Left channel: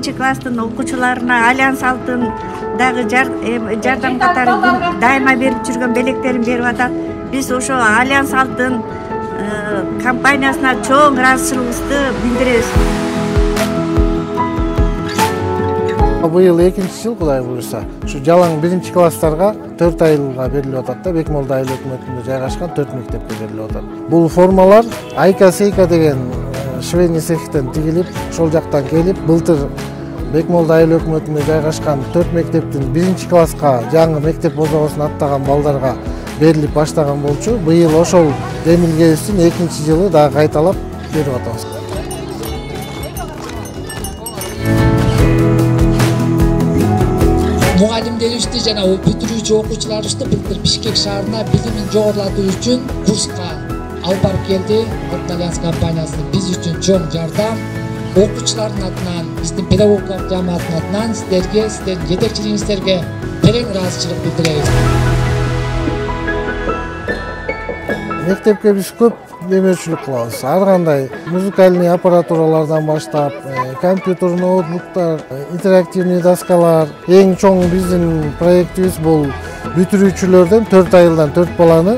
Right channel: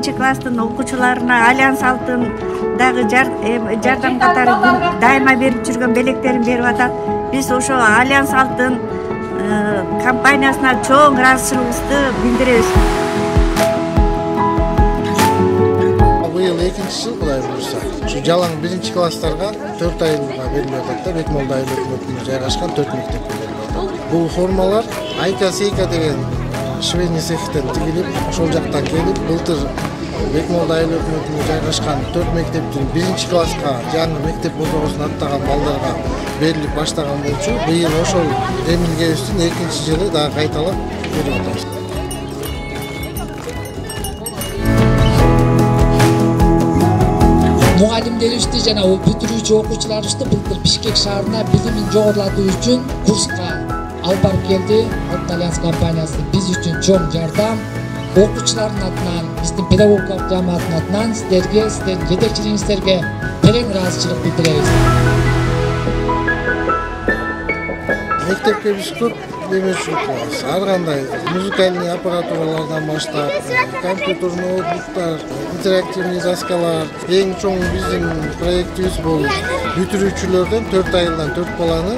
биринчи класстын окуучуларына Альянс Алтын дагы жардам катары дайыма берип жүргөн белектерин берип атат. Биз ошо Альянс Алтын компаниясына чоң ыраазычылыгыбызды билдиребиз. Быйыл 2-жыл Кудай буюрса, ушу жалаң 1-класстарга 4 айылга берилип атат да, Бекмолда айыл өкмөтүнө жайгашкан 4 мектепке берилип атат. Бул формалар Айка-Сейка деген швейный цехтен тигилип, ошол жактан келип, былтыр Бекмолда айыл өкмөтүнө жайгашкан 4 мектептин 1-класска жаңы мектеп бозогосун аттаган балдарга берилип баштаган болчу. Быйыл ошол демилгебиздин 2-жылы дагы кайталап берип атабыз. Mugallimleribizди жана бүтүрүүчү окуучуларыбызды былтыр Бишкек шаарына билимин жогорулатуу үчүн курска алып барып келди. Алтын Альянс компаниясы биз үчүн чоң жардам. Окуучулардын атынан, биздин педагогикалык жамааттын атынан сиздерге, сиздердин жетекчилигиңиздерге терең ыраазычылык билдиребиз. Мектепке биз көп демеушілік кылабыз. Ар кандай музыкальный аппаратуралардан баштап, компьютер, ноутбуктар, интерактивный доскалар. Эң чоң биздин проектибиз бул бүтүрүүчүлөрдөн 4 айылдан 4 баланы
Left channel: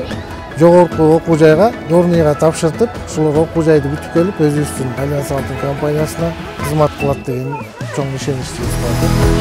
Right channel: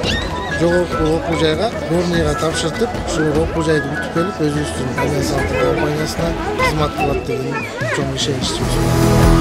жогорку окуу жайга, дорнийга тапшыртып, ушул окуу жайды бүтүп келип, өзүбүздүн Альянс Алтын компаниясына кызмат кылат деген чоң ишеничибиз бар.